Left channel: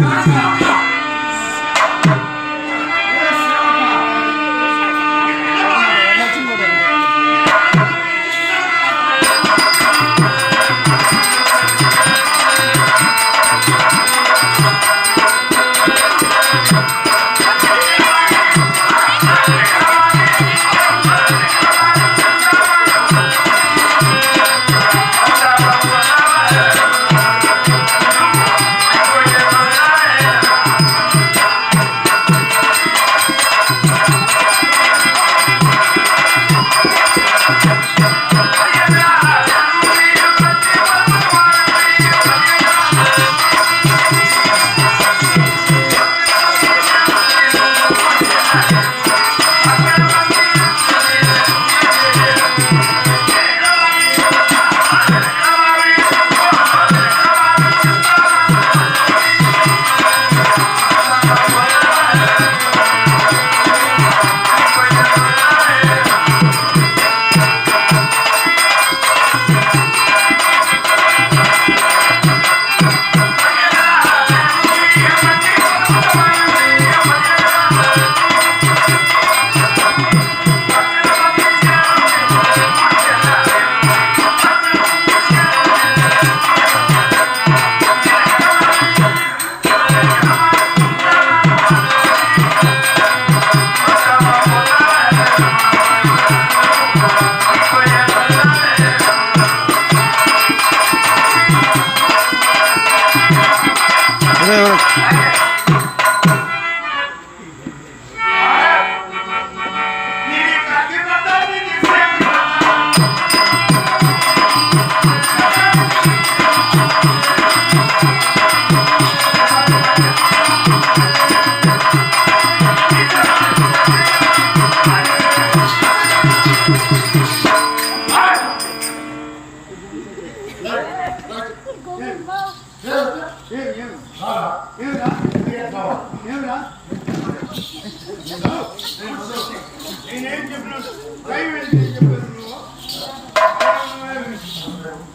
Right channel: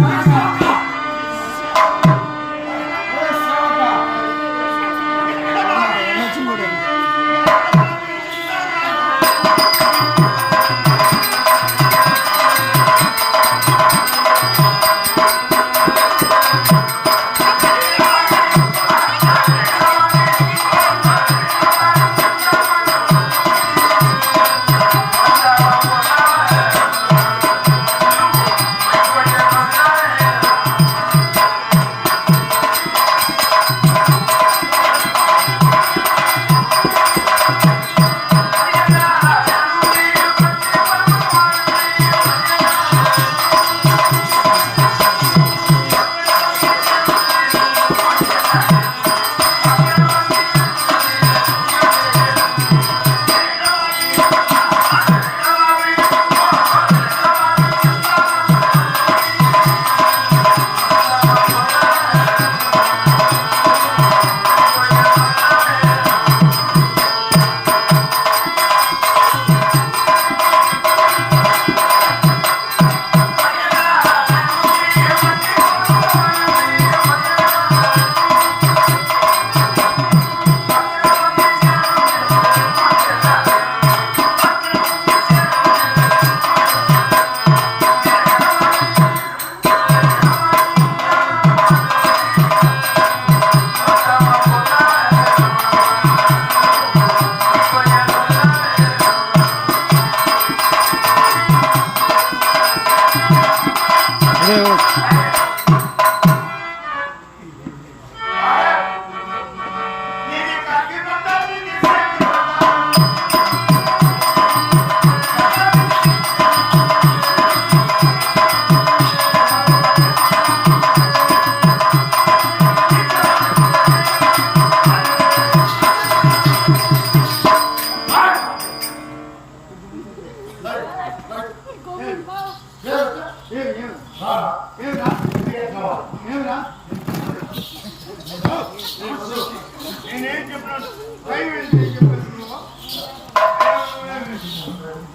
నేనేం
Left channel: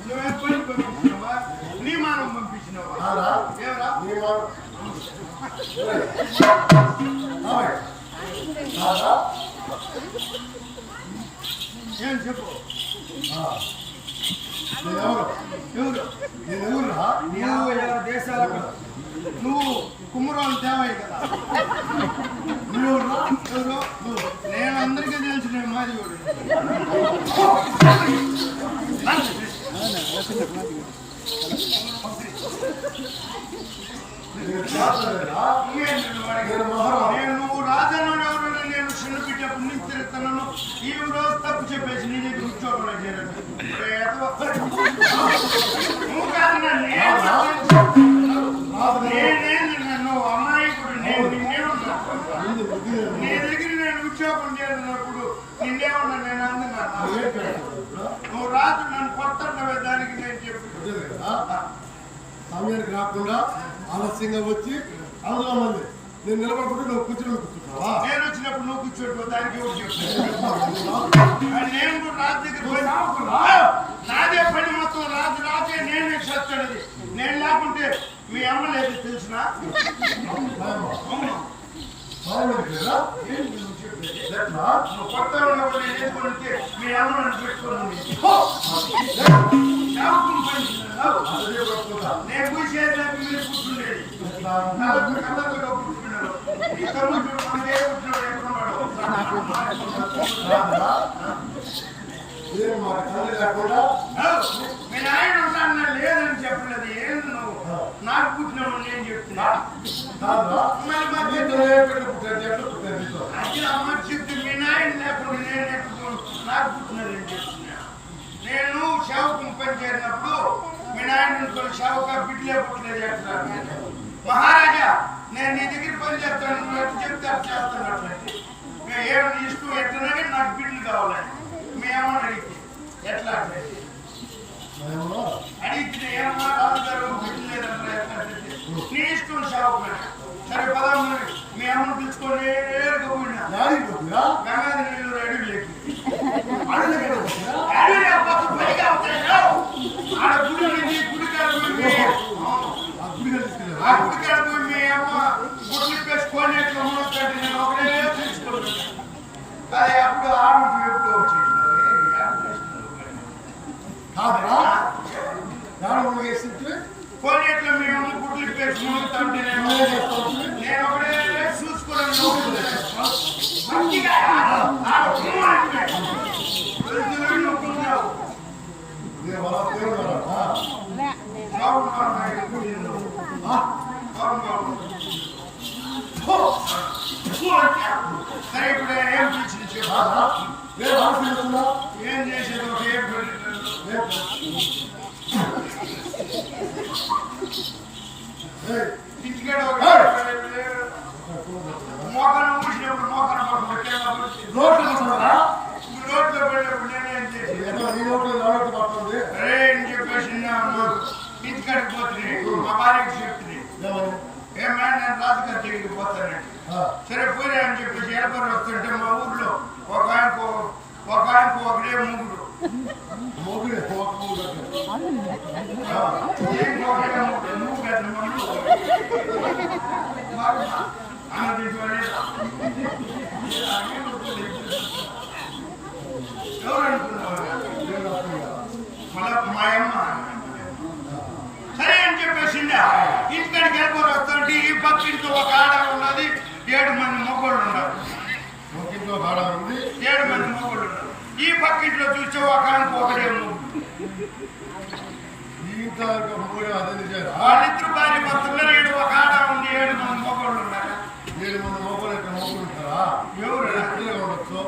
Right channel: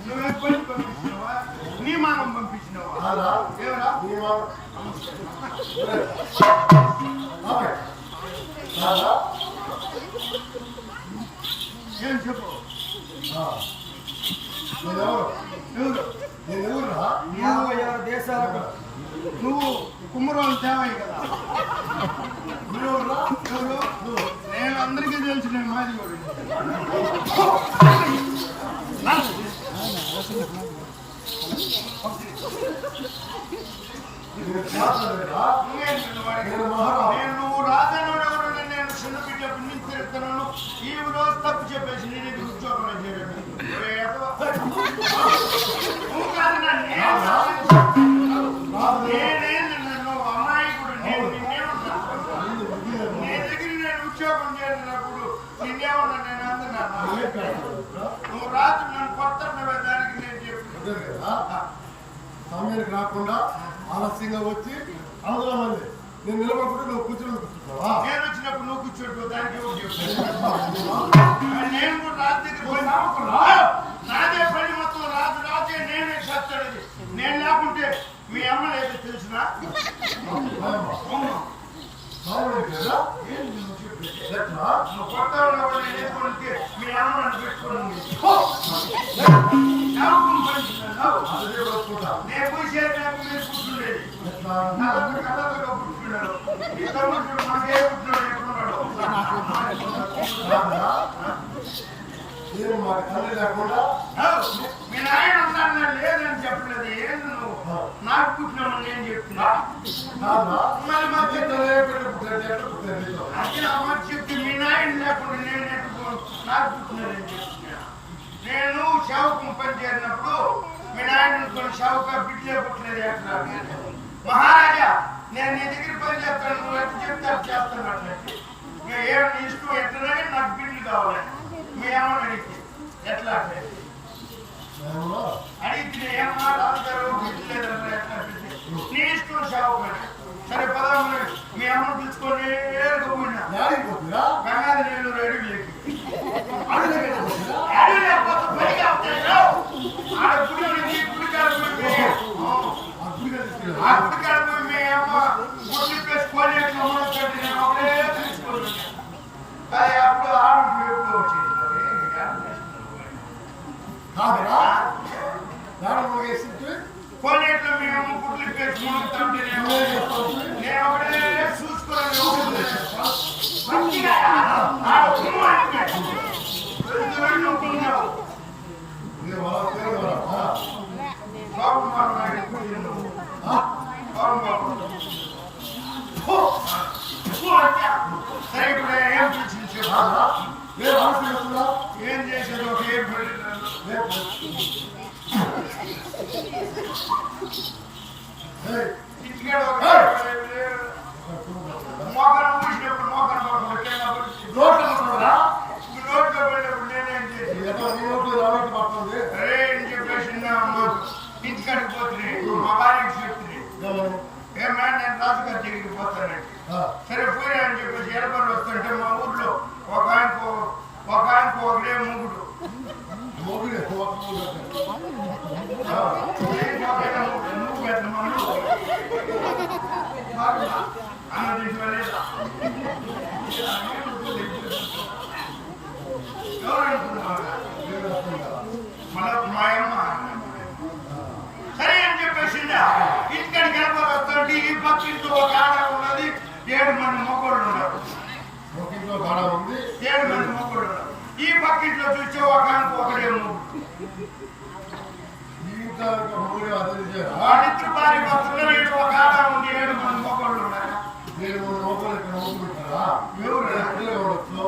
నువ్వేం పని పంపించినవా నీ మానం పంపించినవా ఆరా? ఏమరా నీ మామ- ఆమె. ఆరా? ఏం చెప్పు ఆ. నేనెవరు ఎవరు నేనెవరురా యాభై ఆరు దేశాలకు నువ్వు కుమ్మరోని తేవాయి కదా నువ్వెవరురా ఎవరు నువ్వు నేను అందరికీ తెలిసిన మాది కూడా నేను రాజను నువ్వు ఎవరు నేను చిన్న బిడ్డ నుంచి ఈ రోజు తప్పు చెప్పేసి నీ ఉద్యోగంలో చేరదు నేను నేనేంది నన్ను అమాయకుడు నేను నిన్నేమన్నా ముందు నీ దగ్గర నేను ఉద్యోగం చేరినప్పుడు నిన్నేమన్నా నేను అందున్నా నువ్వు రాజు నన్ను కొత్తన్నవే దానికి నేను చెప్పి ఉంటుంది కదా? సమయానికి రాకుండా ఆలస్యంగా వచ్చి అందులో మంది నేను నిలబడుకుంటే నువ్వు కూర్చొని కూర్చుంటావా? నేను వచ్చినప్పుడు నువ్వు కూర్చోట్టు దానికి ఎవరు చెప్పాను నేను కూడా రాజు దగ్గర నాదే పని మొత్తం రాజు రాజే నేనే సత్తున్నది నేను లేకుంటే మీ అమ్మ లేదు తెలిసిన? కొత్త ఉన్నప్పుడు నేను మీ అమ్మ నన్ను పెట్టుకుని అది పట్టుకుంటా. నేను పూసేది నాకు మీరు తమ్ముడు చూడు మనకే ఎక్కడున్నాడు? ఏం మీ నాయన లేదని చెప్పలేదు నువ్వు నాకు పుట్టినావు నేను చెప్తున్నా? మరి మా ఎక్కడ? ఎక్కడ అమ్మ చెప్తే మీ నాయన లేకుండా నేను నాకు పుట్టినారని చెప్తున్నా నేను శవకం పని చేరినప్పుడు మీ నాయన అనుకుని శవక బిడ్డలే పుట్టలేదు ఎట్లా మహారాజా నేను నీ దగ్గర పని చేస్తాను నువ్వు ఎట్లా చెప్తే చేస్తాను అట్లయితే మేము ఏం నీ ఇష్టం ఎట్లా కానీ నాకు బిడ్డలు కావాలి మీ అమ్మ అడిగితే ఎట్లా అట్లయితే? అడిగితే ఏమన్నా? నీ ఇష్టం శవకమైన సరే పదహారు మీ అమ్మను పిలుచుకొని నేరుగా పోయినా యాడికి పోతుందిరా? గంగాధర నెల్లూరు పోతుందిరా? అడవి లేకపోతే పైగా అవుతాయి ఆడ గుడి ఉంది గుడి కాడ పోయి మీ- ఆ గుడికి తీసుకెళ్ళారు. ఆ గుడి కాడ పోయి మీ గుడ్లు ఇప్పేసుకొని ఎట్లా మునుగుతుంటే నేను ఒకటే చూసుకుంటున్నాను అది అప్పుడు ఆడుంటూ ఎప్పుడు వచ్చేసినావు ఏ, ఆడ తీసుకున్నావు కానీ. కాదురా దాని మునిగేసింటే కొన్నిట్లో మేము గుడ్లు ఇప్పేసి మునుగుతా ఉంటే నేను నువ్వేం చేస్తావు నేను ఒకటే చూసుకోవడానికి మంచిగా ఆడ ఉమ్ము అంటే. వెళ్తున్నట్టు నొక్కుతున్నావు. నేను వర పేరు వర ఆ. బాబు మారు నాయుడు కూర్చున్నావు. ఆ? బాబు మారు. హో! ఫు అంటే. సరే ఇప్పుడు ఏం పిలిచింది చెప్పు. కాదురా? ఏ ఆలోచిస్తున్నా ఏం చేసేది ఒక ఏం పిలిచింది? ఇంటికాడ ఒక మోకాలు ఊసినప్పుడు మోకాలు పడుతుంది కింద పడుతుంది. నోట్లో పడుతుందా నోట్లో పడినప్పుడు నేనేం చేసి ఏదో నీ నోట్లో నా నోట్లో పడుతుంది అరే అని చెప్పేసి నా అమ్మ ఇంటికాడికి పోతుంది మా భార్యకి చెప్తుంది ఏమని ఏమన్నా నేను రాజుగారి దగ్గరికి పోతానండి ఆ. సరే పోయిరా అని చెప్పేసి ఎలబడి వస్తుంటే మా ఊర్లో ఒక ఆయనకు ఒక ఆయనకు ఒకడే మూగుడు మోగిడి ఒక మూడు ఆ. ఏం ఒకడే మూగుడు? మూగు పెద్ద మూగుడు. బాగుందా? అన్నం తింటువా లేదా? ఎవరు అనుకున్నావా దేవుడు అర్థం కదా. మళ్ళా మా అమ్మ సరే అని చెప్పేసిందా ఇంటికాడికి వెళ్ళిపోయి వస్తుంటే ఈ పక్కింట్లో ఒక ఆడ ఉన్నది ఏడు మంది మొగ్గోళ్ళు ఉన్నారు ఒక ఇంట్లో ఆడ ఉంది ఏడు మంది మొగ్గోళ్ళు ఉన్నారు ఈ పక్క ఇంట్లో చూస్తే ఒక ఆయనకు ఒకటే వాళ్ళిద్దరు భార్య భర్తలు ఏడు ఒక ఆడ ఉంది ఏడు మంది మొగ్గోళ్ళు ఉన్నారు. ఏడు మంది మొక్కలు ఇక్కడ మొక్కలు ఉంటారా? ఎవరు? లేదా పిల్లలుగా ఉండొచ్చు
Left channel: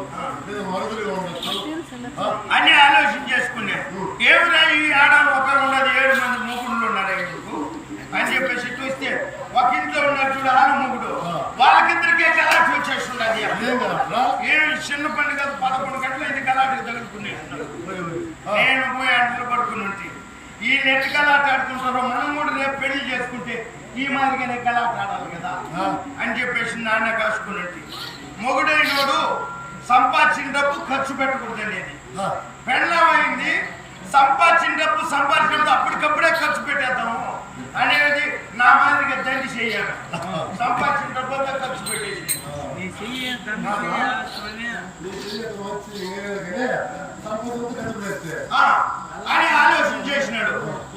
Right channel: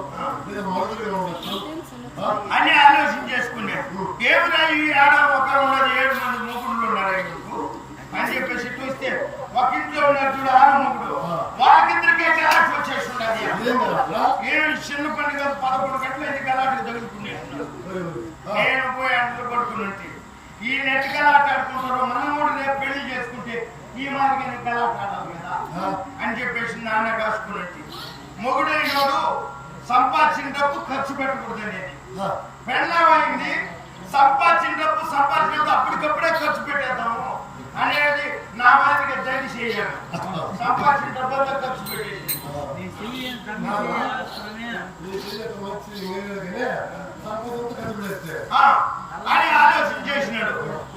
లేదా మరుదులుగా ఉండొచ్చు. ఆ? అన్ని ఆలోచన చేసుకున్నాం ఏమిరా ఈ ఆడ ఒక ఉన్నది ఏడు మంది మొగుళ్ళు ఉన్నారు ఎందుకు అని చెప్పేసి చూస్తే ఒక ఇంట్లో ఉన్నారు చూడు ఆడ మొగుడు వాళ్ళకిద్దరికే ఇదేం కదా అట్లా? ఏమి చిన్న కాదు పదకొండు గంటలు ఇది గలాటికి తగులుకునేస్తున్నారు. నేను పోయి అంటలు పట్టుకుని ఉంటే. ఈ నెట్ గలాట ఆడుకుంటారో మనం కూడా రేపు పెళ్ళి చేసుకుంటే ఈ మాదిరిగానే గలాట ఆడాలి కదా. అని చెప్పేసి నాన్న కాసుకుని ఉంటే. మొగుడైనోడు సంపాదించిన డబ్బు ఖర్చు పెట్టకూడదు అనేది. పెళ్ళమైంది సంపాదించిన డబ్బు సంపాదించినప్పుడు అప్పటికప్పుడే ఖర్చు పెట్టేద్దాము అనేది నా మాదిరిగా దండి చేయాలి. సంపాదించిన డబ్బంతా ఖర్చు పెట్టేసి సంపద ఆ, అని ఆలోచన చేసినాడు.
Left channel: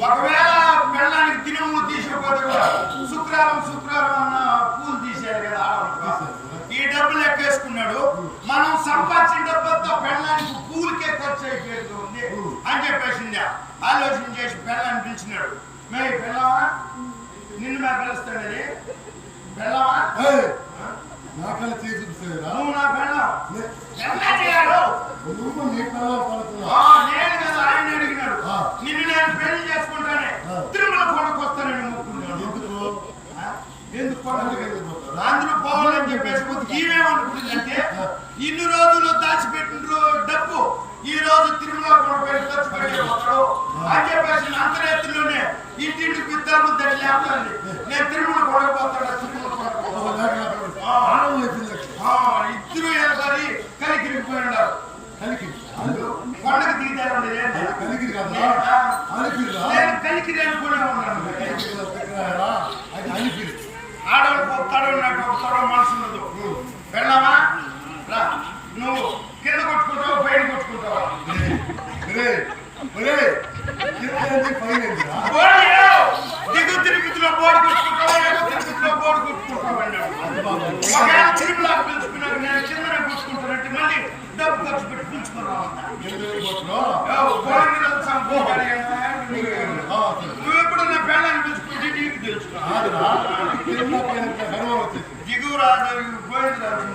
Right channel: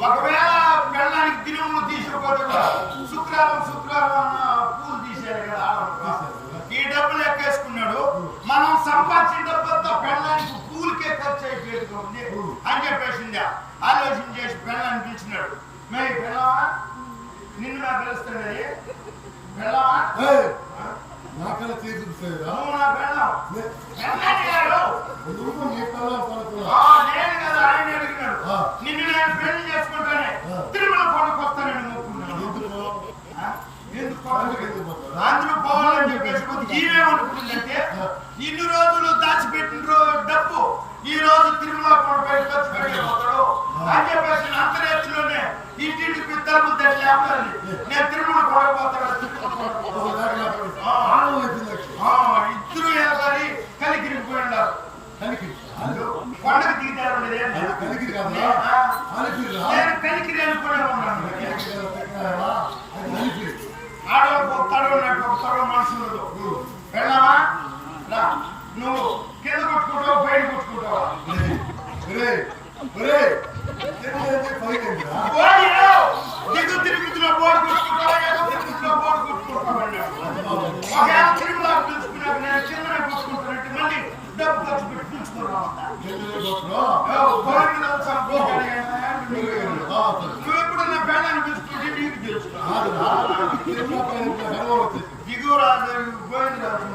ఒకవేళ పెళ్ళానికి దినములు తీసుకుపోతే కూడా శుక్రవారం శుక్రవారం పూలు తీసేయాలి కదా ఈ డబ్బులు ఎక్కేసుకున్నాడు. మనం సంపాదించిన డబ్బులతో పెళ్ళానికి పూలకే ఖర్చు అయిపోయేట్టుగా ఉంది అని చెప్పేసింది. ఆలోచన చేసి పెళ్ళాన్ని పిలిచినాడు. మే పెళ్ళవా నిన్ను మే పిలుస్తాడది పెళ్ళవా నా కళ్ళ చేసి చూపిస్తాయిరా నువ్వు నా నువ్వు నీ పిల్లలు పడుతున్నా ఆ, నేను కదా ఆయన అడిగినాడు. నిన్ను నేను పెళ్ళి చేసుకుంటానే. తిరుమల కొండకు వస్తానని మొక్కున్నాడు ఎందుకు? ఎందుకు పండుగ అందరూ పోవాలని చెప్పేసి కొద్ది. ఇన్ని రోజులు దాచిపెట్టిన డబ్బు ఈ రోజు తిరుమల కొండ పేరు ఖర్చు పెట్టేపోతాడు అని చెప్పేసి అంతరేతిలోనే ఇంటింటికి తలుపులు తల్లి లేపుతుంది నేను తిరుమల పోతాడు తిరుమల కొండకు ఒక పోతాడు. దాకా లేకపోతే ఆ. ఆనందం చెప్పింది ఆ, ఇద్దరు ఎలబడి కలికిరిగిపోయి ఉన్నారు కలికి కొండకు దిగుతారు ఉండేది అది కలికి కాదురా అలిపిరిరా నేను కలికిరి అనుకునే ఉన్నాను ఆడవాళ్ళకి ఉన్నట్టు మనసు ఉండదు వెళ్ళావా నువ్వు కింద కొట్టుకుంటావా పైన కొట్టుకుంటావా దిగు తిరుపతిలో బోర్డు కొట్టుకుంటావా తిరుపతిలో బోర్డు కొట్టుకుంటావా ఒకవేళ పిలుచుకున్నాక నేను కిందనే కూర్చుకుంటానంటే మళ్ళీ డబ్బు ఖర్చు పెట్టి పిలుచుకున్నావు ఎందుకు పోతున్నా ఆ, సరే. పెళ్ళాన్ని పిలుచుకుంటే నీకు తెలుసు. దిగురాజు గోవిందరాజు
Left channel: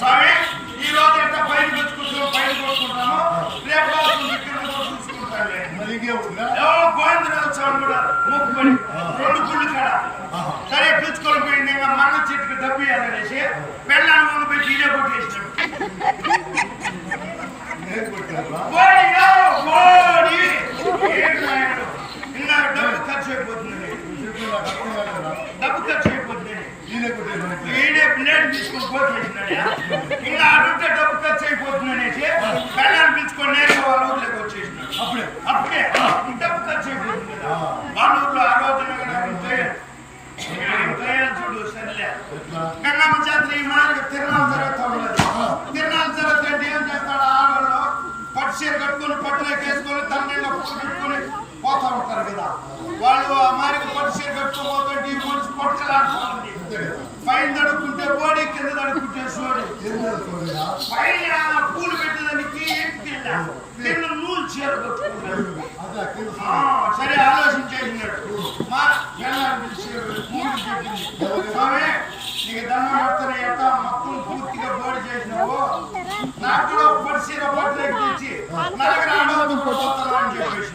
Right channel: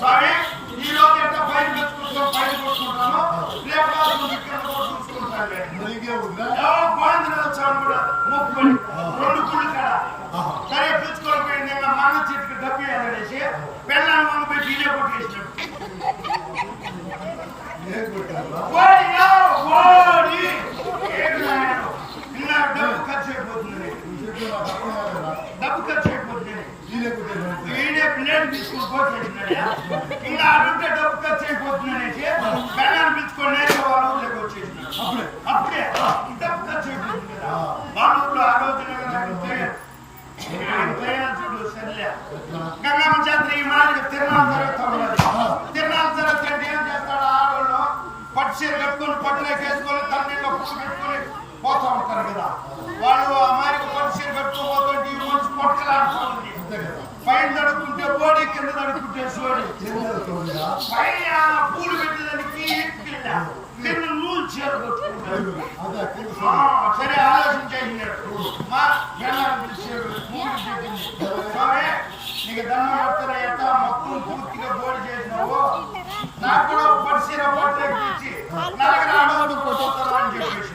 స్వామి ఈ రోజు ఎంత పైన పెట్టుకుంటాం పైన కొట్టుకుంటాము రేపు రాత్రి కింద కూడా చూసుకుంటాను మరి ఇంకేం ఉందిరా ఎవరో గోవిందరాజు స్వామి కూడా మొక్కుబడి రెండు గుళ్ళు కాడ. ఆహా. సరే పిలుచుకొని పోయి నేను మన్న చెట్టుకి డబ్బు ఇవ్వాలనేసి పెళ్ళాన్ని వంగ పోయి డీజే కొట్టేసినాడు. ఏం కొట్టారా ఓడియో, ఓడి! ఖర్చు అయిపోతుంది. డబ్బు ఖర్చు అయిపోతుంది ఈడే ప్లేట్ పిలుచుకొని వాళ్ళ ఊర్లోకి వచ్చేసినాడు. అప్పుడే. అప్పుడే. డబ్బు ఖర్చు అయిపోతుంది కదా. వాళ్ళ ఊర్లో ఆ రోజున గంగమ్మ జాతర ఈ మాదిరిగా తిరునాళ్ళ జరుగుతా ఉన్నది. తిరునాళ్ళ ఏం చేస్తాడు? ఆడవాళ్ళు పట్టు చీర కట్టుకొని పట్టులోకి వేసుకొని తన నీళ్ళ పుట్టు పెట్టుకొని సర్లే ఉంటారు కదా. వాళ్ళు ఆ మారికి పట్టు చీర కట్టుకోబోతుంటే ఈ మనిషి పట్టుకలాడుకోవాలి పైన తడుక్కుంటే బోడి కింద తడుక్కుంటే సోడి పైన పూలు పెట్టేదానికి ఎక్కిళ్ళ కింద నూలు చీర సోదరా సరే ఆలోచించేసినాడు మా ఎల్లాన్ని పిలిచాడు మూడు చెప్పింది. నీకు దండం పెడతాను ఎక్క మొత్తం పూర్తిగా బోడి చేసినావు? నాకు కూడా పోతాను అని చెప్పేసి.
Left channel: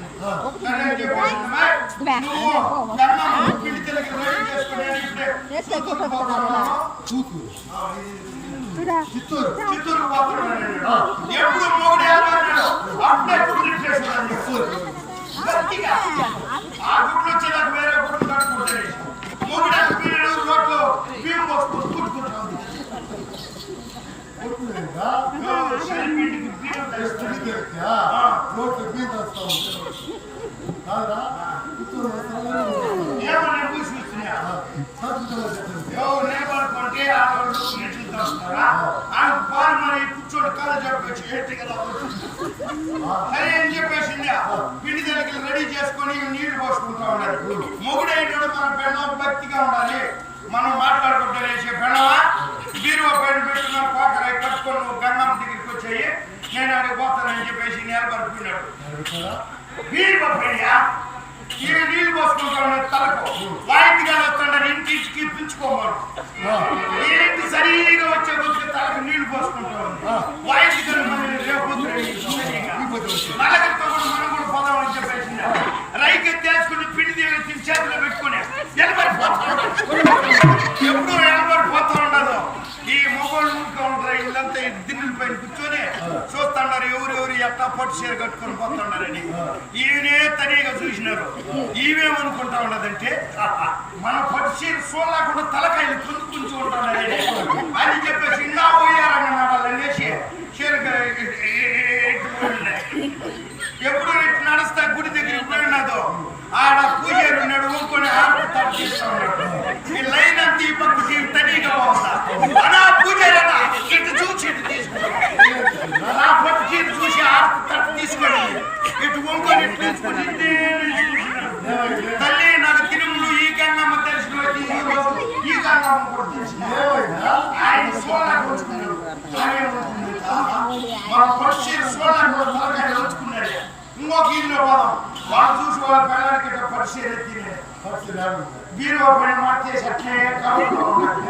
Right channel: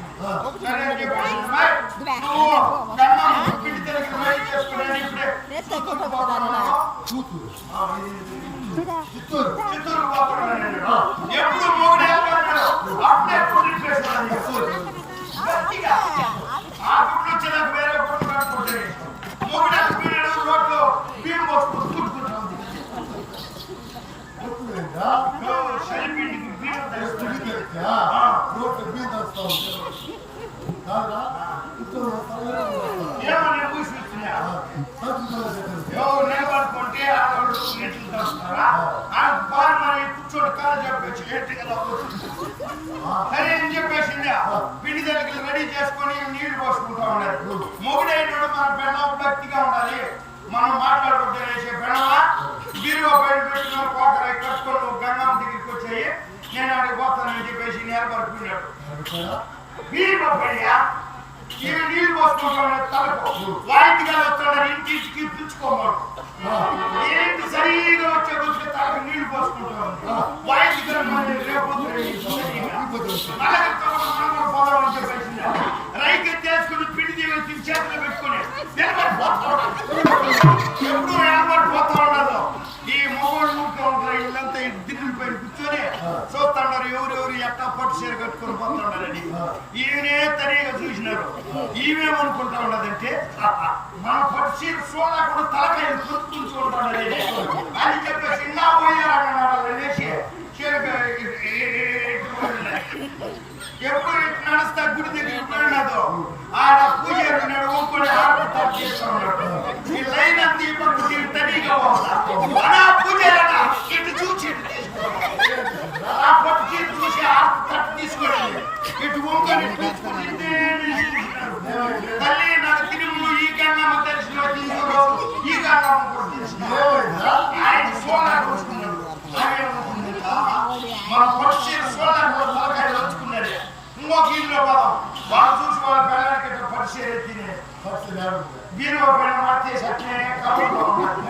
సరే అని చెప్పేసి. "అమ్మాయి, నువ్వు దండం పిండి తెలకి రెడీ చేసుకుని ఇప్పుడే చిత్తూరు. చిత్తూరు ఎప్పుడు మొగుడు ఏమన్నాడు అప్పుడే కుదిరి చేసుకున్నాడు గట్టిగా. ఆ గుట్లు వచ్చేదాకా వేరే గుట్లు కట్టుకుంటుంది మొగుడు అటు పోయినాడు రోడ్లో బియ్యం పోసుకు కూర్చుకుంటా ఉంది కొట్టుకుంటా బియ్యం తెస్తాడు. పిల్లి బియ్యం తెస్తా కాదురా నిలబడుకుంటే ఆడవాళ్ళు ఆ మరి కూర్చోటి కాలు చెప్పేసి ఎట్టుగా సరే అని చెప్పేసింది పిండి తల్లికి రెడీ చేసుకొని నీళ్ళు పోసుకుంటా ఉండాలి మొగుడైన మన పెళ్ళ భక్తిగా ఉండాలి మనం మాట్లాడుకుంటే వేసే బెల్లమా బీరువా పైన పెట్టుకున్న కోకరాయి కట్టుకొని నువ్వు గంగమ్మ దగ్గరికి వచ్చాయి. నేను అక్కడికి పోతానని చెప్పేసి నిలబడుకున్నాడు పెట్టాడా బీరువా పైన? ఈ నీళ్ళు పోసుకుంటా ఉన్నాడు తలకు? వాయిద్యాలు వస్తాడు ఇంటింటికి పిలుచుకోమను. ఏంటి సరిగా వచ్చే కొద్దిగా తలకు నీళ్ళు పోసుకుంటా ఉంది వాయిద్యాలు నల్లగత్త కూడా మనం కూడా పోదాం అని చెప్పేసింది. రైకి తీసుకుని పిండి దేవి చేతిలో పెట్టుకుని నిలబడిపోతా ఎప్పుడు నిలబడిపోతా ఉండదు? ఈ మొబైల్ ఊరికే ఉంటారు ఇల్లంతా ఈ దిన్నుల పైన కూర్చొని చూస్తున్నారు ఎవరెవరు ఎట్టా పట్టు చీర కట్టుకొని పోతున్నారని ఈయనే తనిగా చూసినారు ఈమెమనుకుంటా ఉన్నదంటే మన పట్టు చీర చూడలేకుండా తలకాయలు పుంచుకుంటూ ఉంటారని అని చెప్పేసి ఇన్నా పోయారన్నాడు అనేసి చీరగా ఎప్పుడు గుడి దగ్గరికి పోయినాదో ఆడ పూజారి ఉన్నాడు ఊరుకొని హారతి తాడు చేస్తా ఉన్నాడు ఈ లైన్ అంత ఈ తనీగా పోతా. అనా పూజారి ఇటు చూసి ఇటు తీసుకున్నాడు నా పట్టు చీర చూసి హారతి తట్టు తీసుకొని ఇటు ఊరుకొని ఇటు తీసుకొని తల్లి నాకు తిరుమలు ఈ గంగమ్మ తెలిసిన ఈ రోజు కూడా తెలిసిన వాళ్ళు చూసి వాళ్ళ పిల్లలకి పరిచయం ఎత్తినే పచ్చి రాడు బీరువా పైన మార్చేసి అట్లే కవర్లో ఉన్నాడు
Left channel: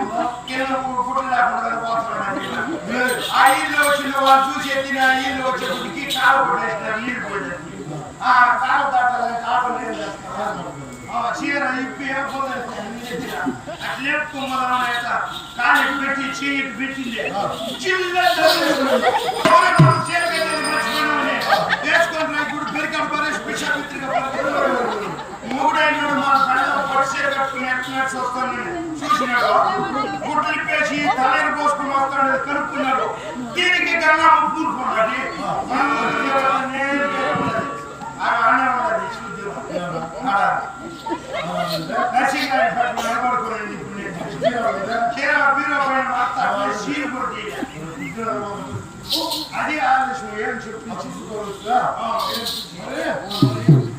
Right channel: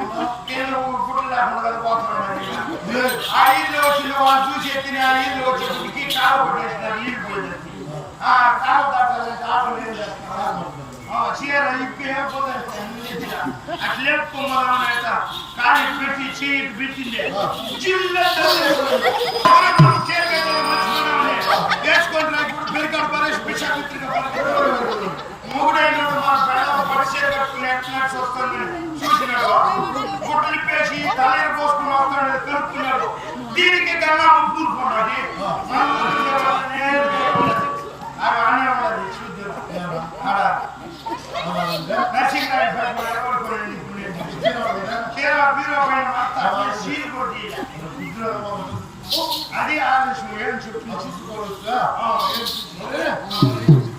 కింద గుడ్లు లేకుండా కదా పోతున్నాడు ఆ ఇల్లు వచ్చిన వాళ్ళు చూసి ఎత్తిన ఆ ఇల్లు వచ్చే గుడికి కాలు కొట్టేసినారు నీళ్ళు పోయింది ఆ కాలు దాటాలంటే ఆటలు ఏం చేస్తారు ఆ చీర ఇప్పి ఏ పోతాయి అట్లే కుమ్మరం అనేట కాలు ఇటు పెట్టి చెయ్యి ఇటు పెట్టింది చిల్లంతా ఒరే మనం చీర కట్టేది మర్చిపోయినామని. వేసుకుంటున్నా ఇప్పుడు పెరికాడు పరేసి పిచ్చా మన పిల్లలు పట్టు కట్టుకుని ఎట్టినట్టు వస్తానని చూసినాడు గుడ్లు తలేరు పోసుకుని వస్తాడు కనుక్కున్నాడు దీనికి పైన మాత్రం సీలు అది ఆలోచన ఏం చెప్పింది ఆ, ఏం చెప్పింది?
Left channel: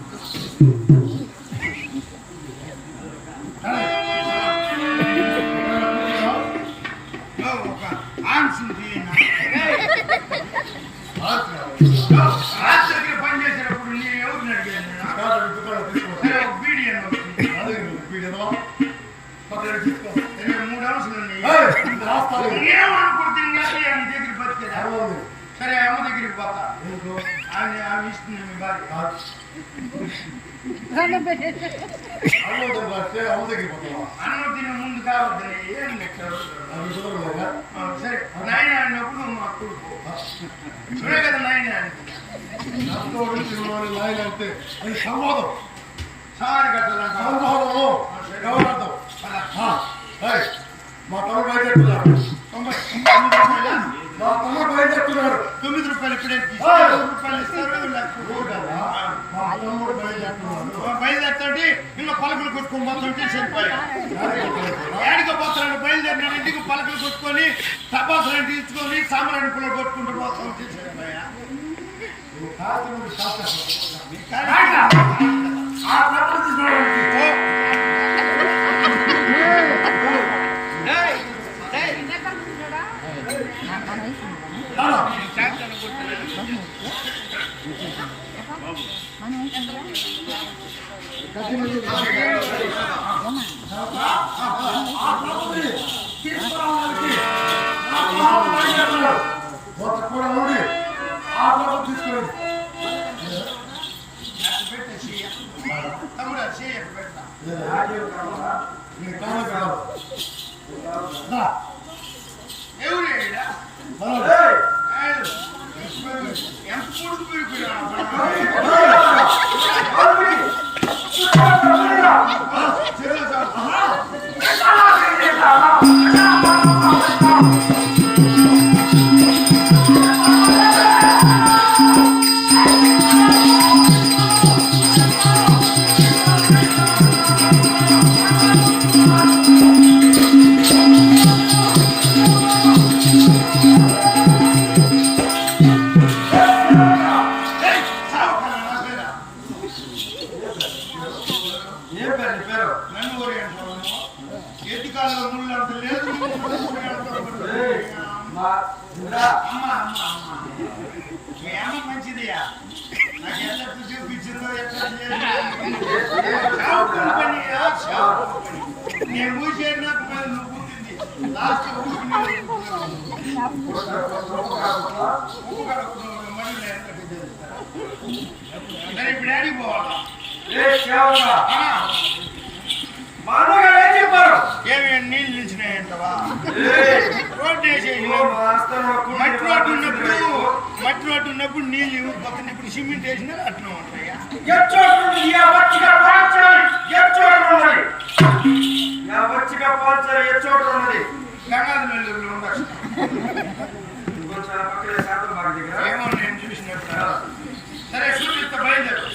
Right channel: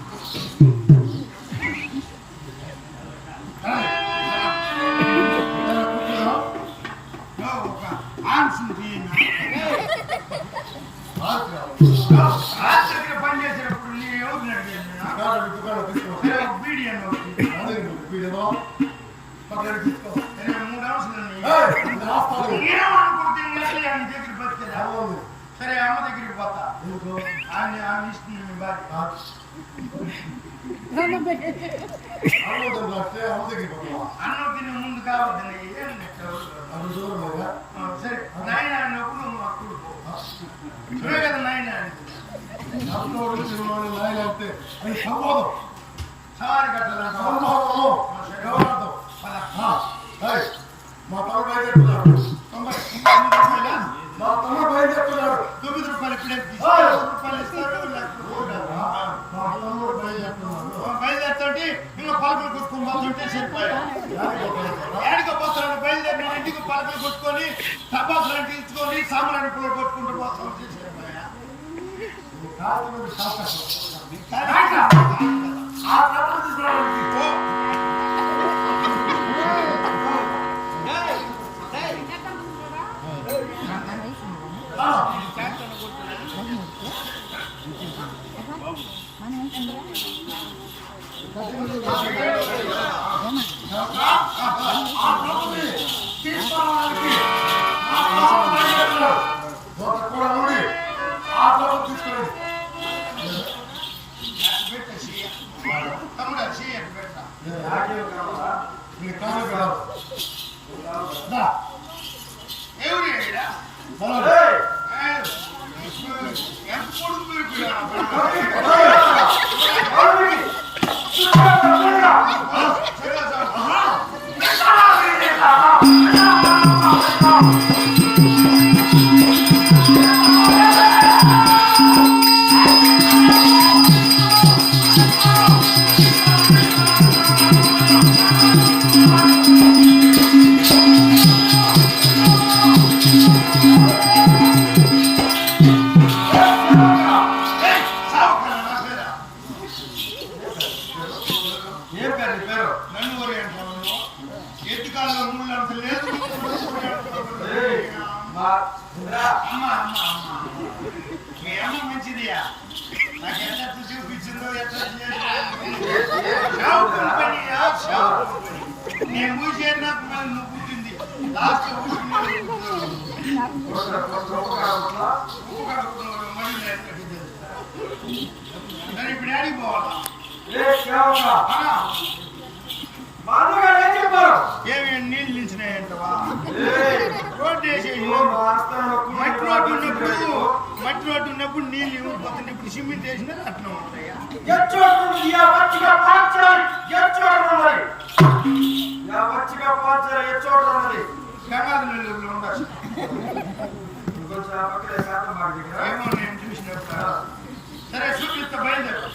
ఓ, ఒక ఆన్సన్ తీయనా అన్నం తినే ముందు కావద్దని ఏం సరే నాయన అన్నప్పుడు మా కొడుకు సరే కదా నాయన అంటే అది సంవాదం సవారి మా తొంభై. తొమ్మిది మా తమ్ముడు బయలుదేరుతున్నాడు తొమ్మిది రూపాయలు ఇప్పుడే. రూపాయలు ఇస్తారు. మా తమ్ముడు బయలుదేరుతున్నాడు బయలుదేరుతుంటే ఇంకా పలకలు కొట్టుకొని పోతుంటే సరిపోయా ఏడికి బయలుదేరిన ఇంటికి పలకలు కొట్టుకొని టపాసులు తీసుకొని సాంబ్రాణి పుల్ల కొట్టుకుంటూ పోతా ఉంటే సరిపోయా కాస్త శాస్త్రం కానీ ఆ ట్రక్కులు Oh, yeah. నీ పేరు నన్ను వరి ఎత్తి కాలంలో ముళ్ళు లేదు. ముళ్ళు ముళ్ళు అమ్మ అమ్మ అమ్మ. మీ అమ్మ మంచిదియా? నాకు ఎంత చూపించిందో ఎట్లా చేసిందో. షావు కంపెనీయా షావు కంపెనీ నేను నాకు నువ్వు పుట్టింది లాస్ట్ ఊరికి ఉప్పు కడుక్కున్నావు మనీ లేదు సరే ఇప్పుడు డాడీ పోవాలా ఏ చెప్పారు ఏమి నీళ్ళు నిలిచినాయంటవా? రోడ్డు కూర్చుని మట్టి రోడ్డు ఉన్నప్పుడు రాత్రి మట్టి రోడ్డు ఉన్నప్పుడు నీళ్ళు పక్కన ఇప్పుడు సిమెంట్ వేసినా అట్లా ఉంటాయా? వచ్చిగా పాల్చడం ఎచ్చోటు ఉన్నది గంగాధర నెల్లూరులో ఉండొచ్చు. ఇంకొంచెం ఆ పక్కనే శాతం బాగా దగ్గర ఏమో నేను చూసినట్టు సరే చూపిస్తా బయలుదేరు.